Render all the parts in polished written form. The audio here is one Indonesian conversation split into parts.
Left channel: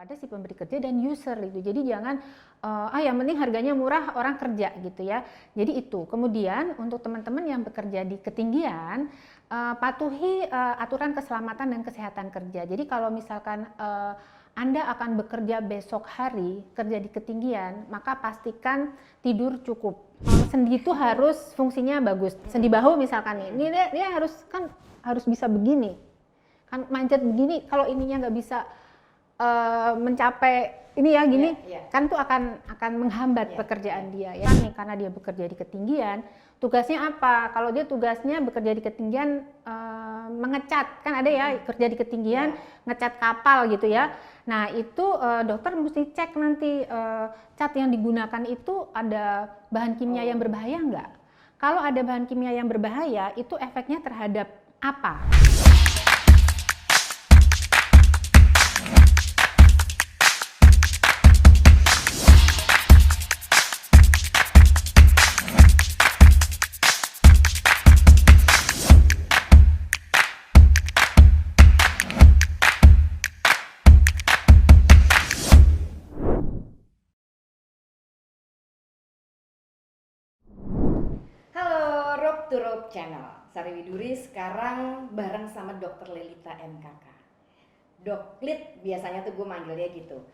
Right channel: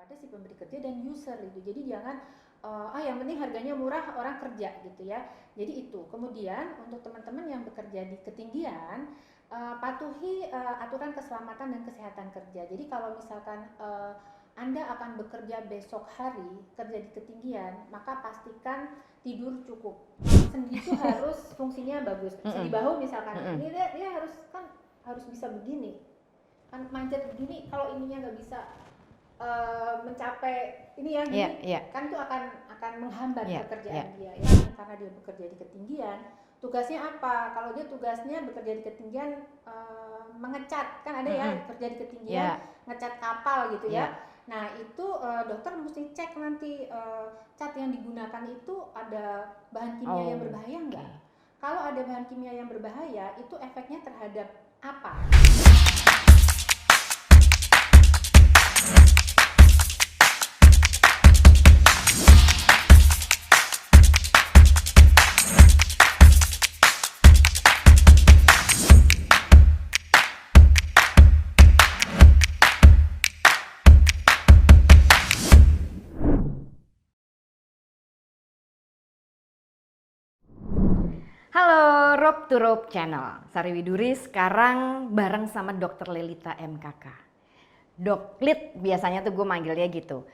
pada si pemberi kerja dan user gitu. Jadi jangan yang penting harganya murah, orang kerja gitu ya. Jadi itu. Kemudian untuk teman-teman yang bekerja di ketinggian, patuhi aturan keselamatan dan kesehatan kerja. Jadi kalau misalkan Anda akan bekerja besok hari, kerja di ketinggian, maka pastikan tidur cukup. Sendi itu harus fungsinya bagus. Sendi bahu misalkan, ini dia harus bisa begini. Kan manjat begini, kalau ininya nggak bisa mencapai ini ya gini, kan tuh akan menghambat pekerjaan dia ya. Karena dia bekerja di ketinggian, tugasnya apa? Kalau dia tugasnya bekerja di ketinggian mengecat, kan ada ya kerja di ketinggian ngecat kapal gitu ya. Nah itu dokter mesti cek nanti cat yang digunakan itu ada bahan kimia yang berbahaya nggak? Kalau ada bahan kimia yang berbahaya, itu efeknya terhadap apa? Halo Rope to Rope Channel, Sari Widuri sekarang bareng sama Dr. Lelita MKK. Doklit biasanya tuh gue manggilnya gitu.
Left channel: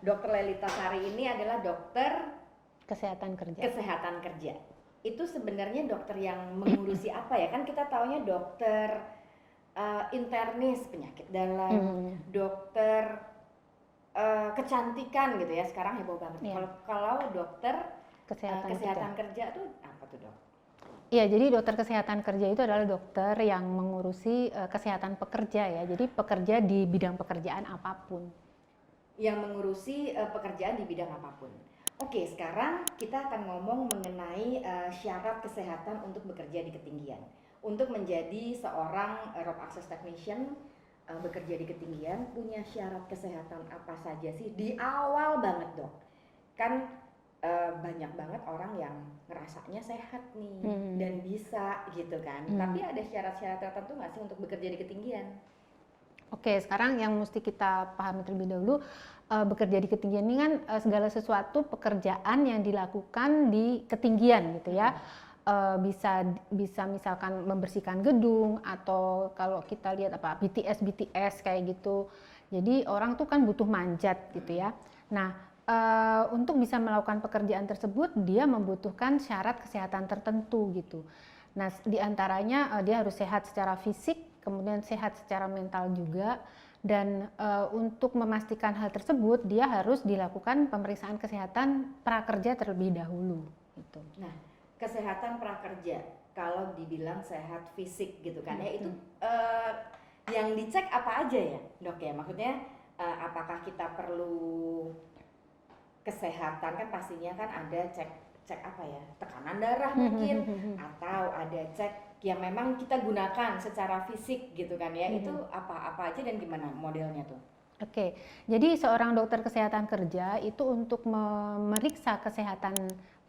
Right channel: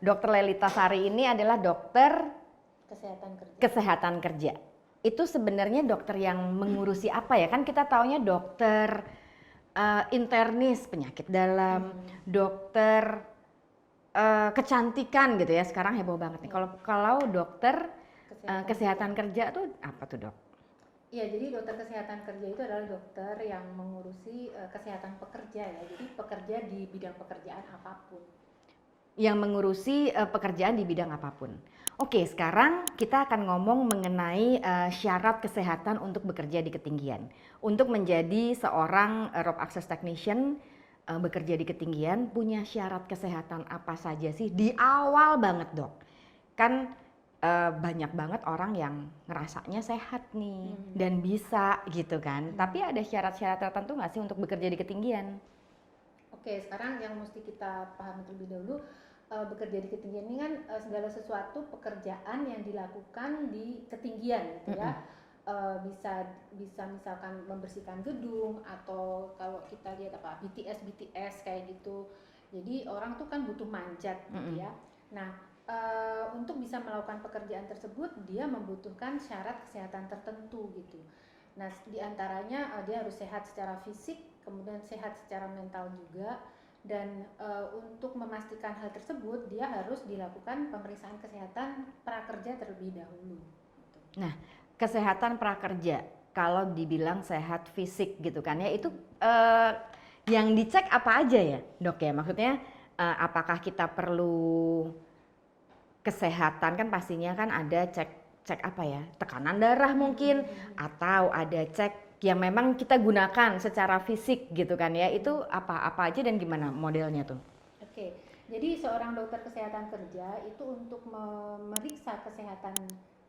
Dr. Lelita Sari ini adalah dokter kesehatan kerja. Itu sebenarnya dokter yang mengurusi apa ya? Kan kita taunya dokter internis penyakit dalam, dokter kecantikan gitu ya. Sekarang heboh banget nih. Kalau dokter kesehatan kerja tuh apa tuh dok? Iya, jadi dokter kesehatan kerja itu adalah dokter yang mengurusi kesehatan pekerja ya. Jadi pekerja di bidang pekerjaan apapun. Yang mengurusi pekerjaan di bidang apapun. Oke, sekarang kita akan ngomong mengenai syarat kesehatan untuk bekerja di ketinggian. Untuk menjadi seorang rope access technician bekerja di ketinggian, punya syarat kesehatan apa saja sih di awal banget dok? Kan banyak banget orang yang ngerasanya sehat nih dan bisa gitu kan. Tapi ada syarat-syarat tertentu nggak sih untuk bekerja di ketinggian? Oke, sekarang yang mesti kita pahami terlebih dahulu, bekerja di ketinggian ini kan segala sesuatu pekerjaan yang dilakukan di ketinggian gitu ya. Bisa misalkan membersihkan gedung, atau kalau kita lihat apa BTS kayak gitu. Jadi orang tuh kan butuh manjat gitu ya. Nah, untuk bisa melakukan pekerjaan tersebut dia membutuhkan syarat kesehatan tertentu gitu. Nah, diantaranya dia harus sehat secara fisik, kemudian sehat secara mental juga, dan untuk memastikan hal tersebut dia harus dilakukan pemeriksaan kesehatan prakerja terlebih dahulu. Gitu. Nah, kesehatan prakerja kalau dibilang sehat fisik gitu kan ya, itu yang dicek apa aja ya dok ya? Maksudnya apakah kita perlu kesehatan, kan pastinya kan ada cek apa ya, tekanan darah mungkin, atau ada cek yang memang kita gunakan secara fisik gitu kan ya. Itu apa aja dan gimana modelnya tuh? Oke, jadi seorang dokter kesehatan kerja itu untuk memeriksa kesehatan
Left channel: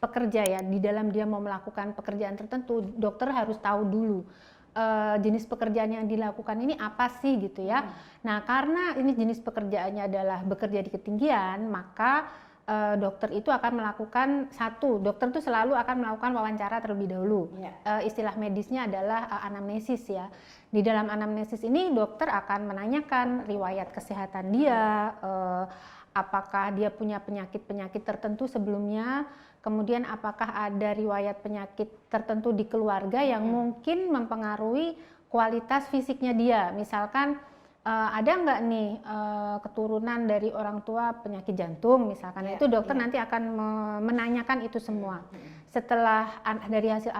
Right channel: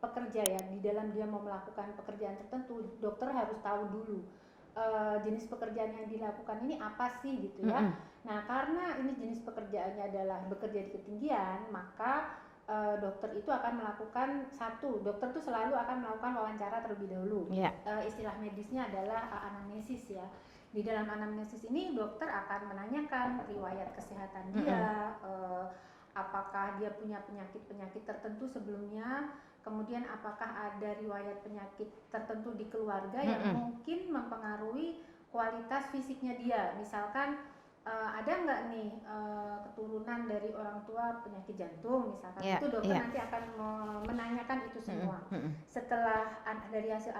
pekerja ya, di dalam dia mau melakukan pekerjaan tertentu, dokter harus tahu dulu jenis pekerjaan yang dilakukan ini apa sih gitu ya. Nah, karena ini jenis pekerjaannya adalah bekerja di ketinggian, maka dokter itu akan melakukan dokter itu selalu akan melakukan wawancara terlebih dahulu. Istilah medisnya adalah anamnesis ya. Di dalam anamnesis ini dokter akan menanyakan riwayat kesehatan dia, apakah dia punya penyakit-penyakit tertentu sebelumnya, kemudian apakah ada riwayat penyakit tertentu di keluarga yang mungkin mempengaruhi kualitas fisiknya dia. Misalkan ada nggak nih keturunan dari orang tua penyakit jantung misalkan, itu dokter nanti akan menanyakan itu semua. Setelah dari hasil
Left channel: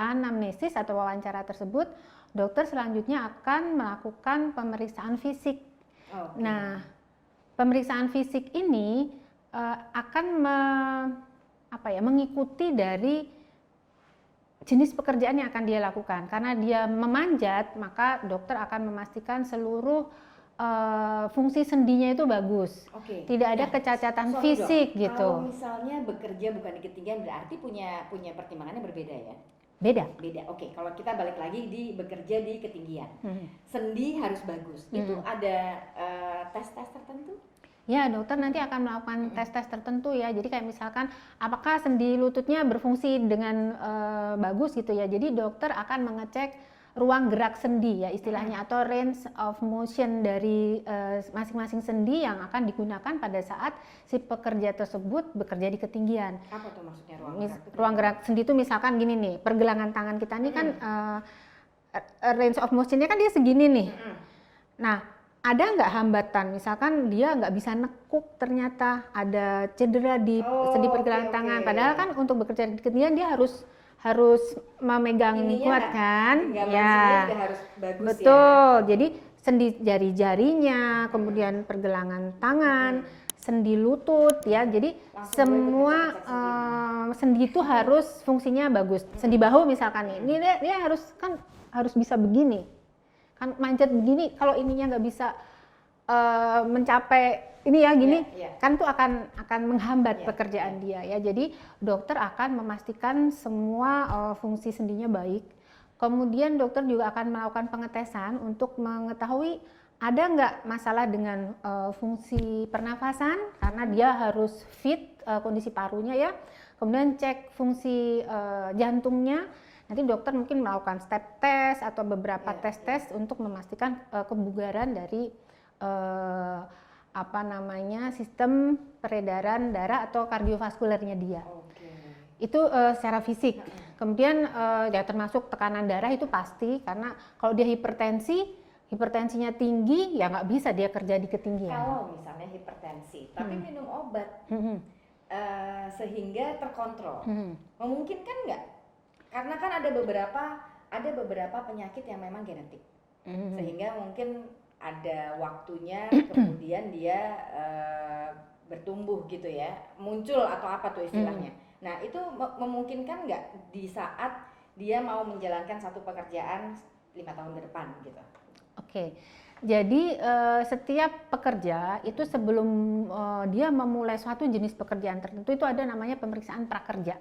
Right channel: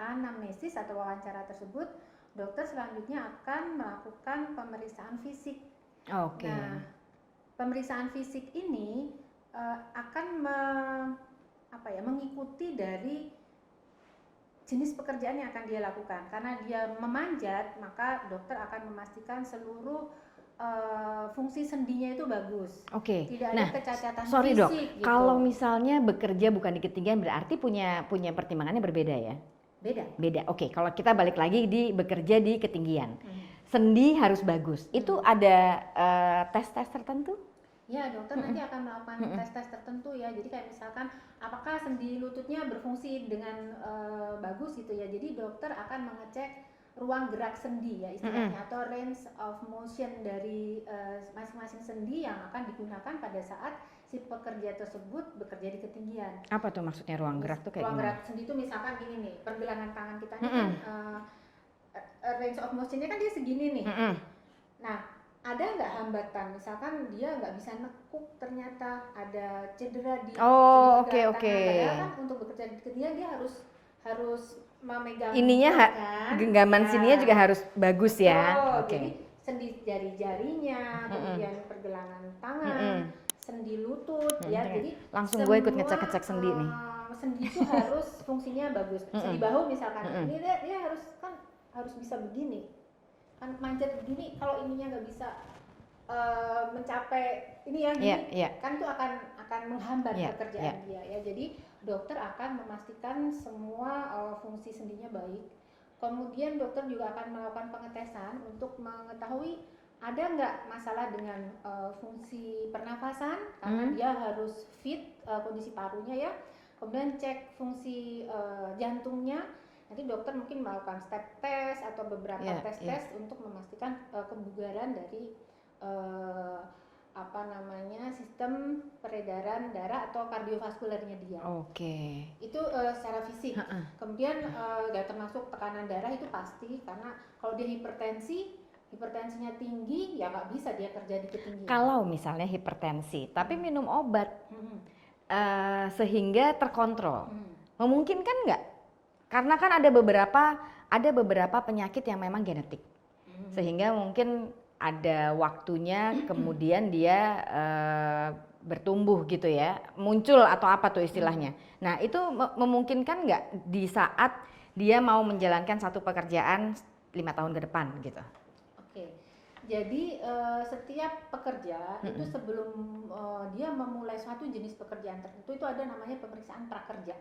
anamnesis atau wawancara tersebut, dokter selanjutnya akan melakukan pemeriksaan fisik. Nah, pemeriksaan fisik ini akan mengikuti dari jenis pekerjaan yang akan dia lakukan. Karena dia memanjat, maka dokter akan memastikan seluruh fungsi sendinya itu bagus. Tidak ada kecacatan fisik dok, gitu. kalau misalnya bekerja bukan di ketinggian berarti punya pertimbangannya berbeda ya? Beda. Oke, kalau kita balik lagi di bekerja di ketinggian, sendi harus bagus. Itu ada tes tertentu? Ya, dokter nanti akan melakukan tes-tes tertentu ya. Jadi kayak misalkan apakah sendi lututnya berfungsi dengan bagus gitu ya. Jadi dokter akan mengecek ruang gerak sendi ya istilahnya, atau range of motion dari masing-masing sendi yang akan digunakan pada saat si pekerja tersebut bekerja di ketinggian. Apa tuh maksudnya ruang gerak tuh? Ruang gerak sendi itu misalkan gini nih, pergelangan tangan kita ini kan range of motionnya kan dia segini nih. Nah, ada nggak hambatan? Misalkan dia nggak bisa nekuk, ternyata ada cedera di sendi pergelangan tangan. Padahal kan untuk bekerja di ketinggian dia harus memegang ininya kuat kan? Genggaman sininya juga harus bagus. Betul. Ya. Betul. Jadi sendi jari-jarinya, kemudian pergelangan tangan, sendi lutut ya. Jadi langsung gue ikut ngecek-ngecek sendi nih. Sendi itu harus fungsinya bagus. Sendi bahu misalkan, ini dia harus bisa begini. Kan manjat begini, kalau ininya nggak bisa mencapai ini ya gini, kan tuh akan menghambat pekerjaan dia ya. Jadi dokter akan memastikan semua fungsi sendinya baik. Kemudian dokter juga akan melakukan pengetesan untuk mengetahui ada nggak masalah dengan fungsi pernafasan, karena dia harus fit kondisi parunya ya. Kemudian cek fungsi jantungnya. Nanti dokter mungkin melakukan step test atau beberapa tes untuk memastikan kebugaran dari sistem peredaran darah atau kardiovaskulernya dia. Itu secara fisik. Kemudian ya termasuk tekanan darah itu pasti, karena kalau dia hipertensinya tinggi ya nggak bisa dia kerja di ketinggian. Kalau misalnya hipertensi tapi minum obat sehingga terkontrol, memungkinkan nggak? Karena kan ada beberapa penyakit yang memang genetik, sehingga mungkin ada waktunya kemudian dia bertumbuh gitu ya, muncul atau apa tuh istilahnya. Nah itu memungkinkan nggak di saat dia mau menjalankan satu pekerjaan 5 tahun ke depan gitu? Jadi setiap pekerja itu sebelum dia memulai suatu jenis pekerjaan tertentu itu ada namanya pemeriksaan prakerja.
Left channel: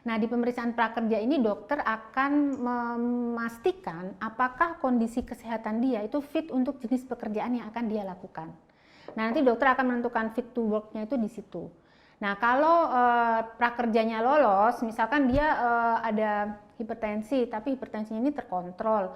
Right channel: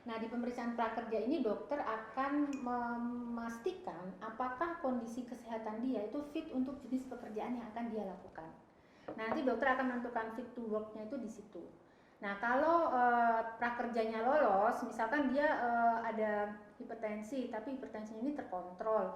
Nah, di pemeriksaan prakerja ini dokter akan memastikan apakah kondisi kesehatan dia itu fit untuk jenis pekerjaan yang akan dia lakukan. Nah, nanti dokter akan menentukan fit to work-nya itu di situ. Nah, kalau prakerjanya lolos, misalkan dia ada hipertensi, tapi hipertensinya ini terkontrol,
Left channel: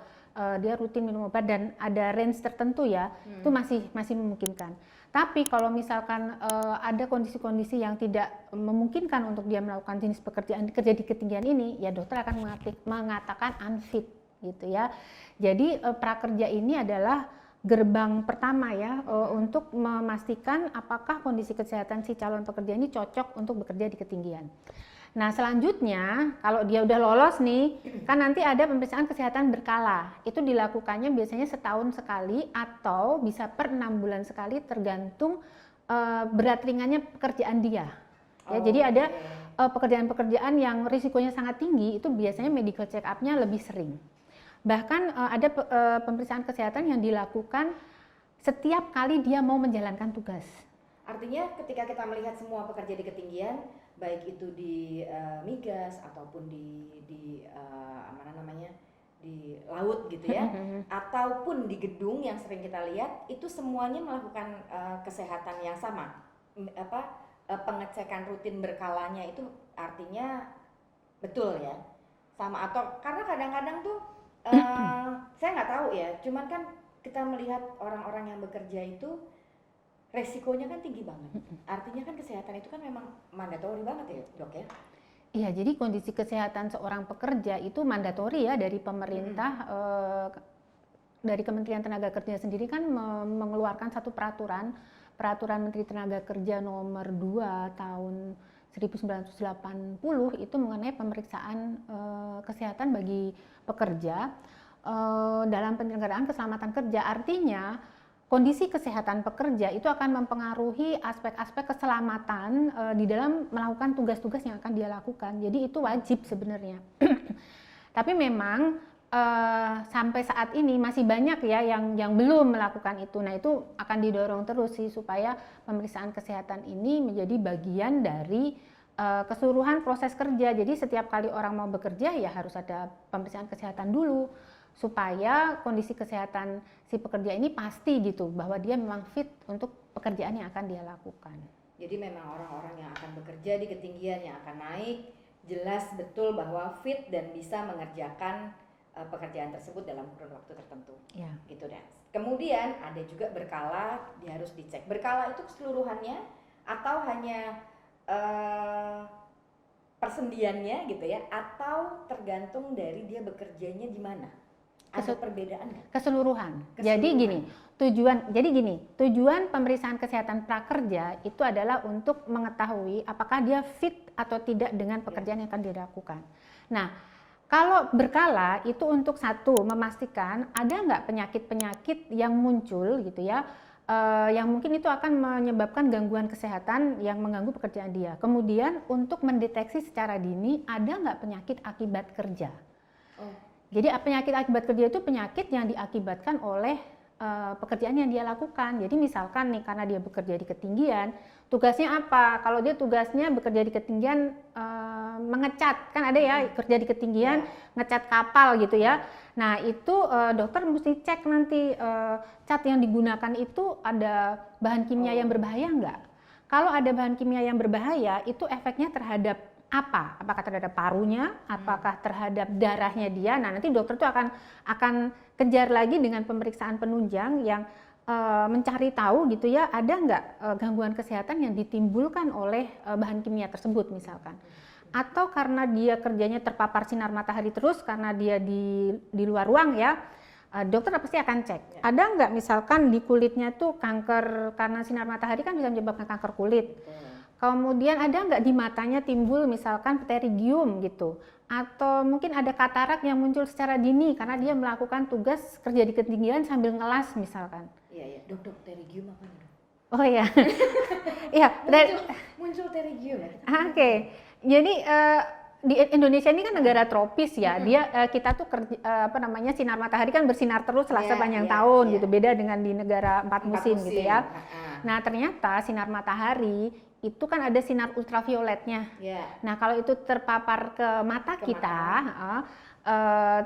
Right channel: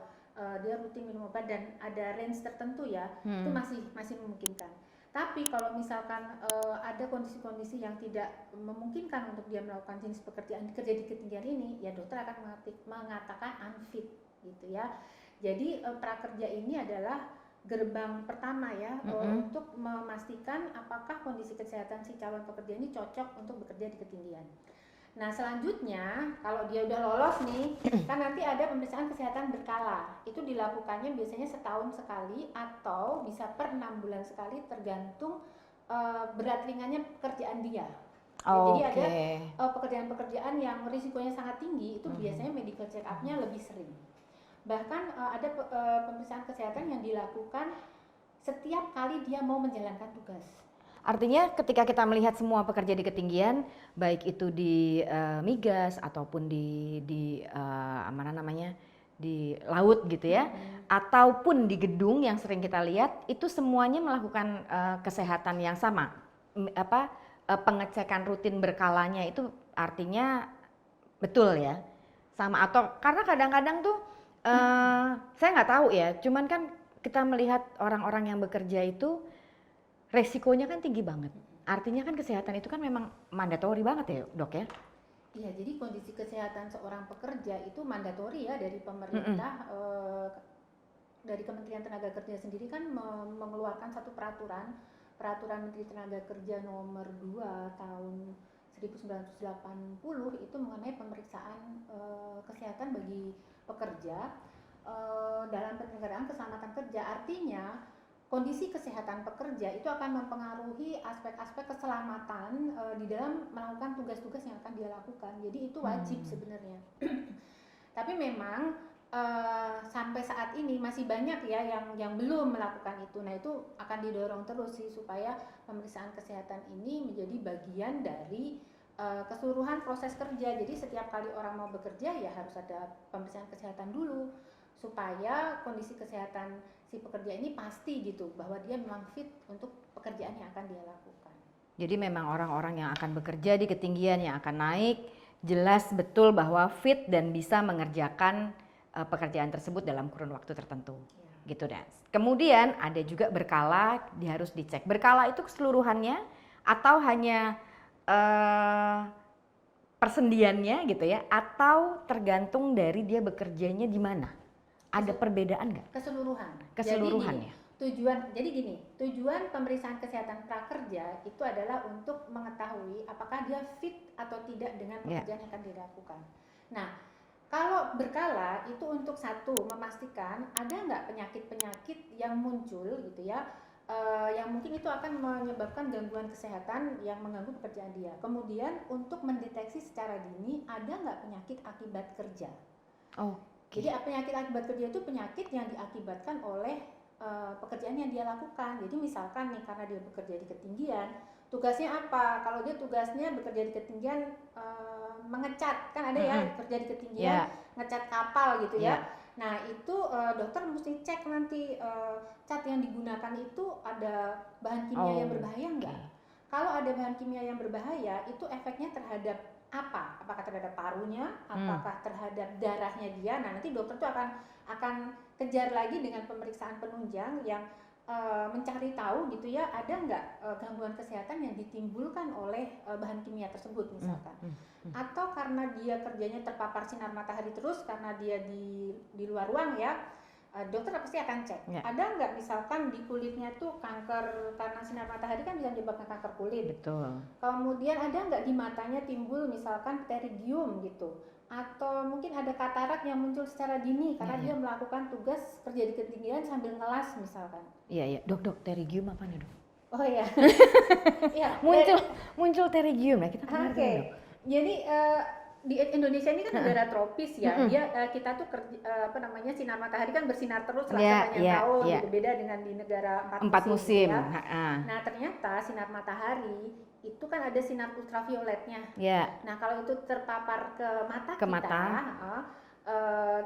dia rutin minum obat dan ada range tertentu ya, itu masih memungkinkan. Tapi kalau misalkan ada kondisi-kondisi yang tidak memungkinkan untuk dia melakukan jenis pekerjaan kerja di ketinggian ini, ya dokter akan mengatakan unfit gitu ya. Jadi prakerja ini adalah gerbang pertama ya untuk memastikan apakah kondisi kesehatan si calon pekerja ini cocok untuk bekerja di ketinggian. Nah selanjutnya kalau dia udah lolos nih, kan nanti ada pemeriksaan kesehatan berkala. Itu dilakukannya biasanya setahun sekali atau bisa per 6 bulan sekali tergantung berat ringannya pekerjaan dia. Ya, jadi ada pekerjaan-pekerjaan yang risikonya sangat tinggi, itu biasanya medical check up-nya lebih sering. Bahkan ada pemeriksaan kesehatan yang dilakukan setiap kali dia mau menjalankan tugas. Artinya ketika kita melihat semua pekerja di ketinggian, baik itu di migas ataupun di laut gitu ya, ataupun di gedung yang sering kita lihat, itu semuanya melakukan kesehatan yang sama. Pengecekan rutin berkalanya itu artinya betul ya, sama, atau karena kadang-kadang tuh saya nggak tahu ya, cuman kan kita melihat orang-orang yang bekerja itu resikonya kan tinggi banget. Artinya kan kesehatan itu kan memang mandatori banget ya dok ya? Iya, jadi kondisi kesehatan seorang pekerja itu mandatori ya dari pemerintah, dari Kementerian Tenaga Kerja sendiri kan mengeluarkan satu peraturan Menteri Tenaga Kerja nomor 2 tahun 1980 itu mengenai pemeriksaan kesehatan bagi pekerja dalam penyelenggaraan keselamatan kerja. Artinya kondisi kesehatan pekerja itu akan mempengaruhi aspek-aspek keselamatan di dalam melakukan tugas-tugas yang akan dia lakukan. Jadi itu wajib sebenarnya. Tapi memang sampai saat ini masih banyak ya yang belum melakukan itu. Nah itu akan didorong terus sih supaya pemeriksaan kesehatan ini menjadi bagian dari keseluruhan proses kerja. Jadi setiap kali orang mau bekerja ya harus ada pemeriksaan kesehatan dulu, supaya kondisi kesehatan si si pekerja ini pasti gitu bahwa dia memang fit untuk pekerjaan yang akan dia lakukan. Jadi memang orang-orang yang akan bekerja di ketinggian yang akan naik jelas betul bahwa fit dan bisa mengerjakan pekerjaan tersebut dalam kurun waktu tertentu. Ya. Gitu deh. Kemudian ada juga berkala, dia harus dicek. Berkala itu keseluruhannya atau hanya persendiannya gitu ya, atau tergantung dari dia bekerjanya di mana? Ada perbedaan nggak? Keseluruhan. Keseluruhan. Jadi gini, tujuan pemeriksaan kesehatan prakerja itu adalah untuk mengetahui apakah dia fit atau tidak dengan pekerjaan yang akan dilakukan. Nah, kalau berkala itu untuk satu memastikan ada nggak penyakit-penyakit yang muncul gitu ya, yang mungkin itu akan menyebabkan gangguan kesehatan yang mengganggu pekerjaan dia. Kemudian untuk mendeteksi secara dini ada nggak penyakit akibat kerja. Oh. Jadi penyakit akibat kerja itu penyakit yang diakibatkan oleh pekerjaan yang dia lakukan. Jadi misalkan nih karena dia bekerja di ketinggian, tugasnya apa? Kalau dia tugasnya bekerja di ketinggian mengecat, kan ada ya kerja di ketinggian ngecat kapal gitu ya. Nah itu dokter mesti cek nanti cat yang digunakan itu ada bahan kimia yang berbahaya nggak? Kalau ada bahan kimia yang berbahaya itu efeknya terhadap apa? Apakah terhadap parunya? Apakah terhadap darahnya dia? Nah nanti dokter tuh akan kejar lagi dengan pemeriksaan penunjang yang mencari tahu gitu ya, ada nggak gangguan kesehatan yang ditimbulkan oleh bahan kimia tersebut misalkan. Atau karena dia kerjanya terpapar sinar matahari terus karena dia di luar ruang ya, dokter pasti akan cek. Ada nggak misalkan di kulitnya tuh kanker karena sinar matahari kan bisa menyebabkan kanker kulit. Betul. Kemudian ada nggak di matanya timbul misalkan pterygium gitu. Atau mungkin ada katarak yang muncul secara dini karena dia melakukan tugas kerja di ketinggian sambil ngelas misalkan. Iya, dok, pterygium apa nih dok? Oh iya, iya muncul pterygium ya kita. Oke. Jadi di Indonesia ini kan negara tropis ya. Kita tuh sinar matahari kan bersinar terus sepanjang tahun gitu. Beda dengan di negara empat musim gitu ya. Nah, ternyata sinar matahari itu kan ada sinar ultravioletnya. Nah, kalau itu terpapar ke mata kita,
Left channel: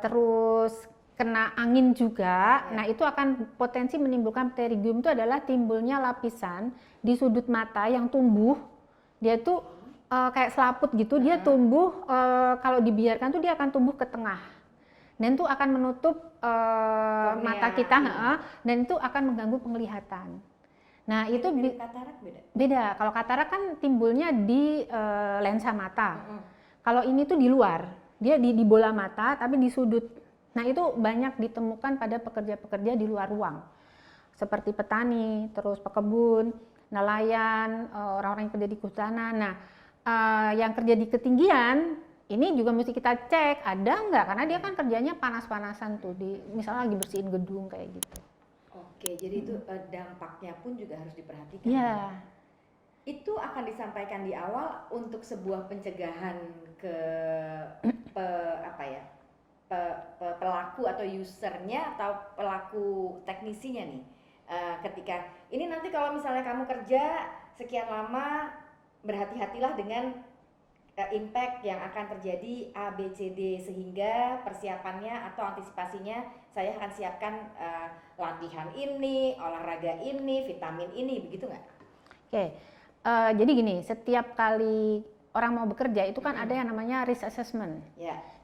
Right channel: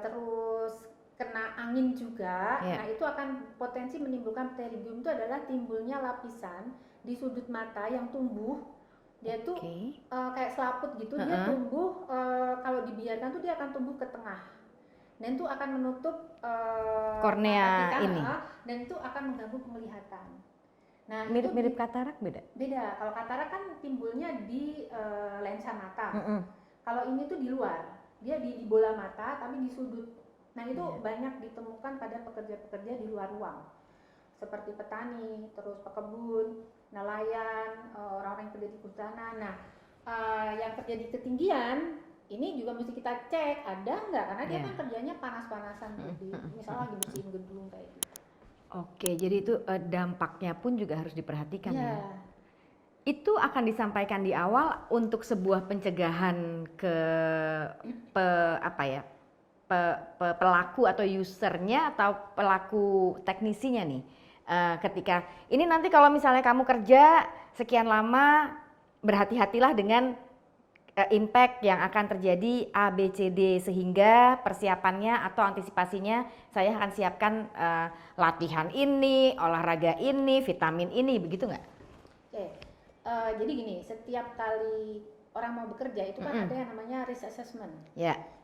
terus kena angin juga, nah itu akan potensi menimbulkan pterygium. Itu adalah timbulnya lapisan di sudut mata yang tumbuh. Dia tuh kayak selaput gitu, dia tumbuh kalau dibiarkan tuh dia akan tumbuh ke tengah. Dan itu akan menutup mata kita dan itu akan mengganggu penglihatan. Nah, itu mirip katarak beda? Beda. Kalau katarak kan timbulnya di lensa mata. Kalau ini tuh di luar. Dia di bola mata tapi di sudut. Nah, itu banyak ditemukan pada pekerja-pekerja di luar ruang. Seperti petani, terus pekebun, nelayan, orang-orang yang kerja di kehutanan. Nah, yang kerja di ketinggian ini juga mesti kita cek ada nggak, karena dia kan kerjanya panas-panasan tuh, misalnya lagi bersihin gedung kayak gitu. Oke, jadi itu dampaknya pun juga harus diperhatikan. Ya. Itu akan disampaikan di awal untuk sebuah pencegahan ke pelaku atau usernya atau pelaku teknisinya nih. Ketika ini nanti kalau misalnya kamu kerja sekian lama, berhati-hatilah dengan impact yang akan terjadi A, B, C, D, sehingga persiapannya atau antisipasinya saya akan siapkan latihan ini, olahraga ini, vitamin ini, begitu nggak? Oke, jadi gini, setiap kali orang mau bekerja itu kan ada yang namanya risk assessment.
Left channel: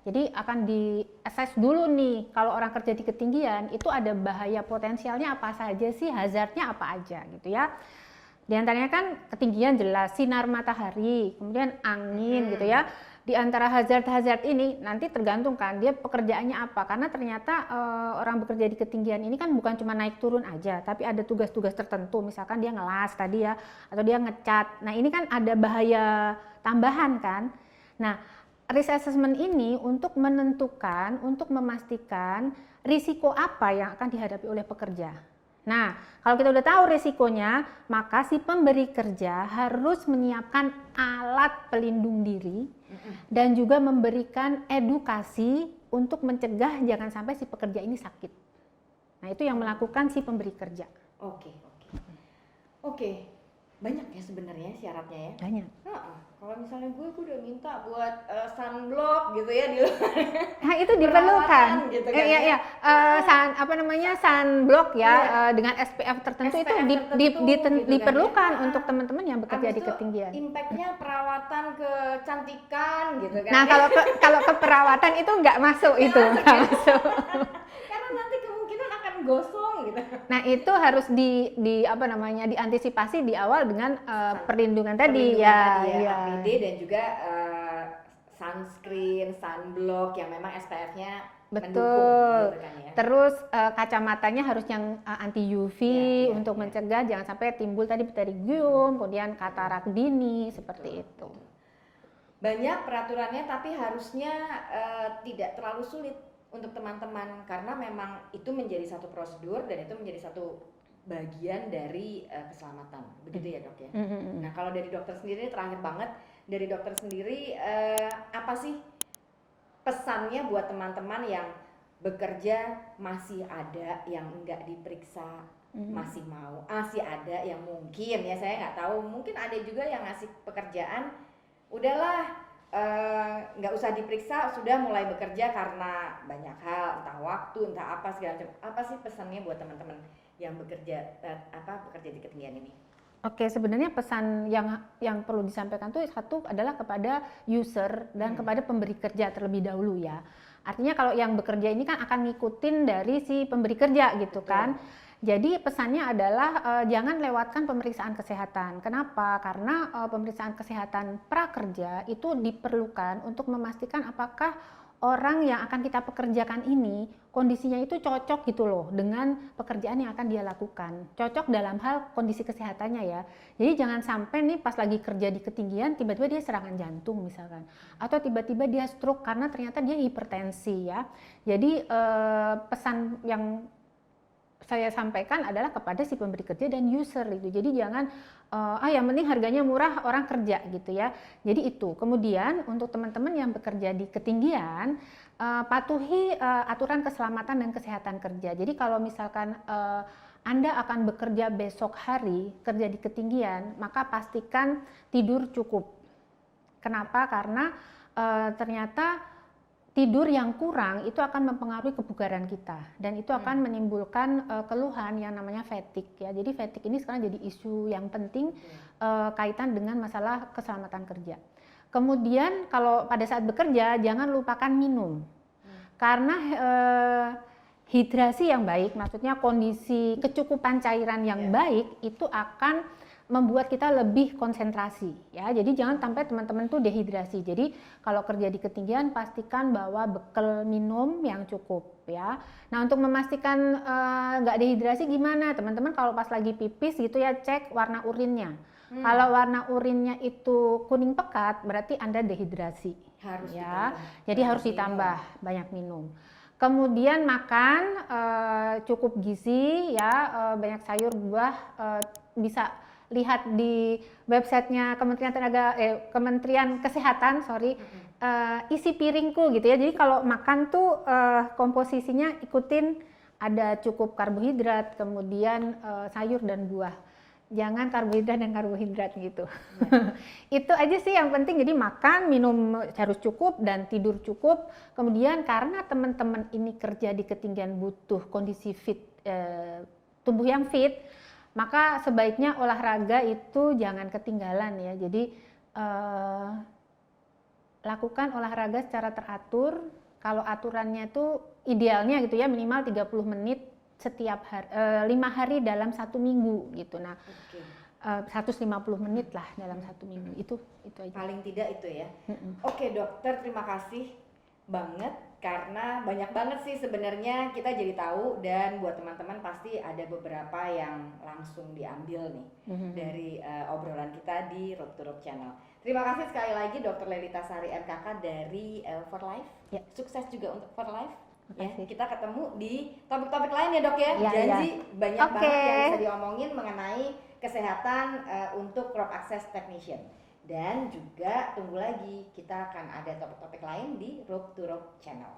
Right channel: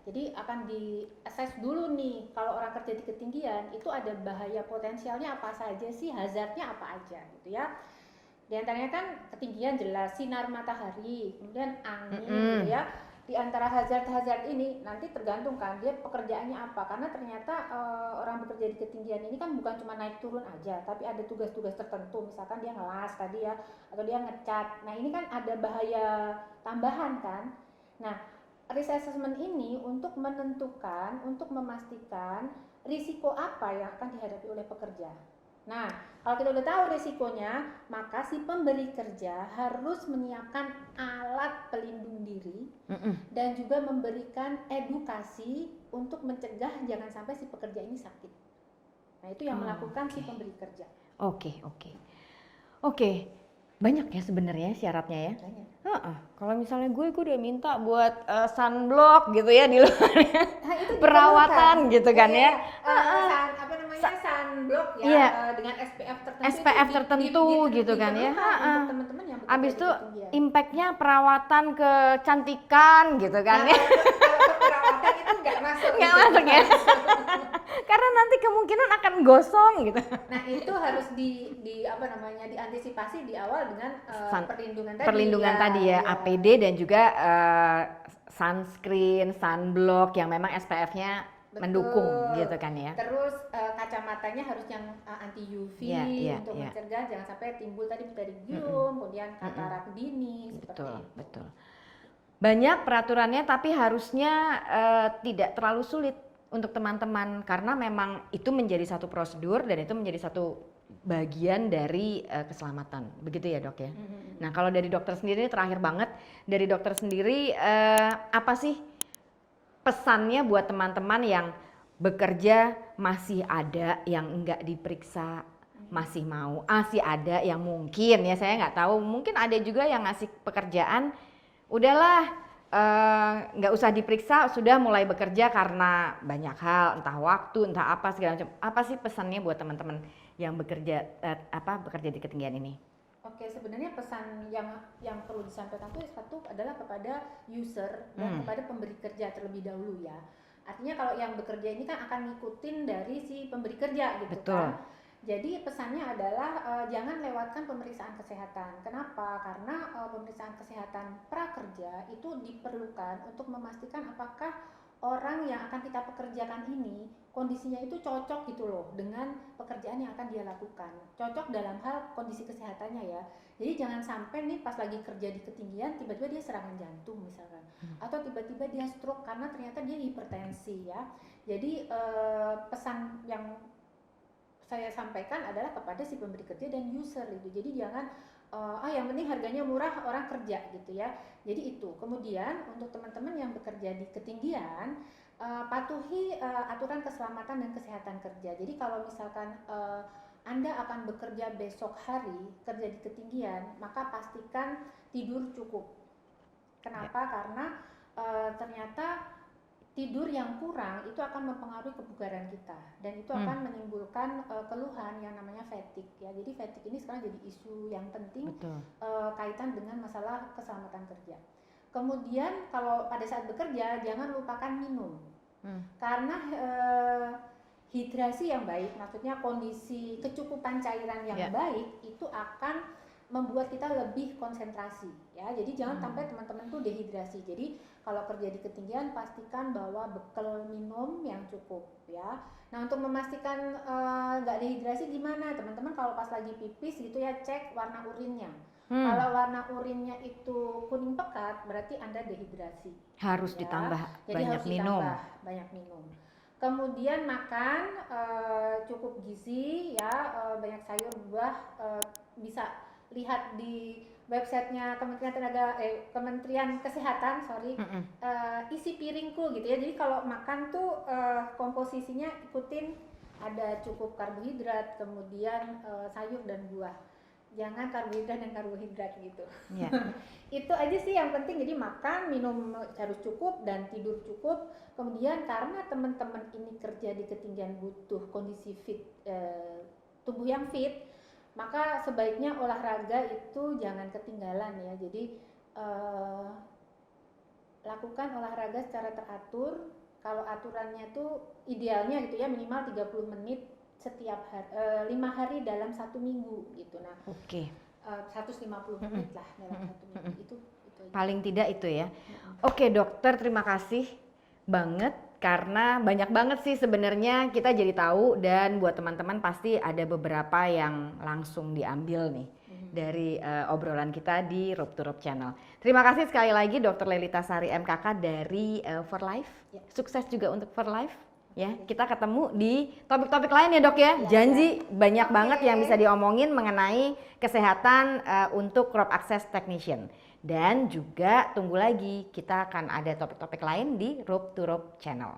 Jadi akan di-assess dulu nih, kalau orang kerja di ketinggian itu ada bahaya potensialnya apa saja sih, hazardnya apa aja gitu ya. Di antaranya kan ketinggian jelas, sinar matahari, kemudian angin gitu ya. Di antara hazard-hazard ini nanti tergantung kan dia pekerjaannya apa, karena ternyata orang bekerja di ketinggian ini kan bukan cuma naik turun aja, tapi ada tugas-tugas tertentu, misalkan dia ngelas tadi ya, atau dia ngecat. Nah ini kan ada bahaya tambahan kan. Nah risk assessment ini untuk menentukan, untuk memastikan risiko apa yang akan dihadapi oleh pekerja. Nah, kalau kita udah tahu risikonya, maka si pemberi kerja harus menyiapkan alat pelindung diri dan juga memberikan edukasi untuk mencegah jangan sampai si pekerja ini sakit. Nah, itu yang melakukan si pemberi kerja. Oke. Banyak ya sebenarnya syaratnya ya. Banyak. Kalau misalnya gue udah minta buat sunblock gitu ya di luarnya. Nah, itu Perawatan diperlukan. gitu kan ya. Sunblock ya, Iya. Dengan SPF tertentu SPF itu tertentu gitu kan ya. diperlukan untuk teman-teman yang bekerja Abis di itu ketinggian. impactnya perawatan kecantikan gitu kan. Nah, kalau ke perawatan itu nggak masuk Nggak itu. masuk ya? Karena nanti kemungkinan akan gosong gitu. Nah, itu harus diantisipasi di awal dengan perlindungan tadi ya, iya. APD dan juga sunscreen, sunblock yang memang SPF-nya mendukung gitu kan ya. Terus kacamatanya harus yang anti UV untuk ya. mencegah jangan sampai timbul tadi pterygium, kemudian katarak dini seperti itu. Betul. Banyak peraturannya tapi harusnya tidak terlalu sulit untuk teman-teman karena memang itu menjadi satu prosedur dan itu menjadi satu bagian dari keselamatan. Begitu ya, Dok ya. Nah, kalau dari dokter sendiri terakhir banget, dari dokter sendiri apa sih pesannya buat teman-teman yang bekerja masih ada yang enggak diperiksa, masih mau, masih ada yang mungkin ya saya nggak tahu, mungkin ada juga yang ngasih pekerjaan, udahlah nggak usah diperiksa, sudah mulai bekerja karena banyak hal, entah waktu, entah apa segala macam. Apa sih pesannya buat teman-teman yang bekerja bekerja di ketinggian ini? Oke, sebenarnya pesan yang perlu disampaikan tuh satu adalah kepada user dan kepada pemberi kerja terlebih dahulu ya. Artinya kalau yang bekerja ini kan akan ngikutin dari si pemberi kerja gitu. Betul. Kan. Jadi pesannya adalah jangan lewatkan pemeriksaan kesehatan. Kenapa? Karena pemeriksaan kesehatan prakerja itu diperlukan untuk memastikan apakah orang yang akan kita pekerjakan ini kondisinya itu cocok gitu loh dengan pekerjaan yang akan dia lakukan. Cocok dalam hal kondisi kesehatannya ya. Jadi jangan sampai nih pas lagi kerja di ketinggian tiba-tiba dia serangan jantung misalkan. Atau tiba-tiba dia stroke karena ternyata dia hipertensi ya. Jadi pesan yang saya sampaikan adalah kepada si pemberi kerja dan user itu. Jadi jangan yang penting harganya murah orang kerja gitu ya. Jadi itu. Kemudian untuk teman-teman yang bekerja di ketinggian patuhi aturan keselamatan dan kesehatan kerja. Jadi kalau misalkan Anda akan bekerja besok hari kerja di ketinggian, maka pastikan tidur cukup. Kenapa? Karena ternyata tidur yang kurang itu akan mempengaruhi kebugaran kita dan itu akan menimbulkan keluhan yang namanya fatigue ya. Jadi fatigue ini sekarang jadi isu yang penting kaitan dengan masalah keselamatan kerja. Kemudian kalau pada saat bekerja jangan lupakan minum. Karena hidrasi yang baik, maksudnya kondisi kecukupan cairan yang baik itu akan membuat kita lebih konsentrasi ya. Jadi jangan sampai teman-teman tuh dehidrasi. Jadi kalau kerja di ketinggian pastikan bahwa bekal minum yang cukup ya. Nah, untuk memastikan nggak dehidrasi gimana? Teman-teman kalau pas lagi pipis gitu ya cek warna urinnya. Kalau warna urinnya itu kuning pekat berarti Anda dehidrasi. Harus ya. ditambah. Jadi harus ditambah banyak minum. Kemudian makan cukup gizi ya, banyak sayur buah, bisa lihat di websitenya Kementerian Kesehatan, isi piringku gitu ya. Jadi kalau makan tuh komposisinya ikutin ada cukup karbohidrat, kemudian sayur dan buah. Jangan karbohidrat dan karbohidrat gitu. Itu aja sih yang penting. Jadi makan, minum harus cukup dan tidur cukup. Kemudian karena teman-teman ini kerja di ketinggian butuh kondisi fit, tubuh yang fit, maka sebaiknya olahraga itu jangan ketinggalan ya. Jadi lakukan olahraga secara teratur. Kalau aturannya itu idealnya gitu ya minimal 30 menit setiap hari, 5 hari dalam 1 minggu gitu. Nah, 150 menit lah dalam 1 minggu. Itu aja. Paling tidak itu ya. Oke, dokter, terima kasih banget karena banyak banget sih sebenarnya kita jadi tahu dan buat teman-teman pasti ada beberapa yang langsung diambil nih dari obrolan kita di Rope to Rope Channel. Terima kasih sekali lagi Dr. Lelita Sari MKK dari For Life. Ya, sukses juga untuk For Life. Ya, kita ketemu di topik-topik lain ya dok ya. Janji banyak banget yang bisa diomongin mengenai kesehatan untuk Rope Access Technician. Dan juga tunggu lagi, kita akan ada topik-topik lain di Rope to Rope Channel.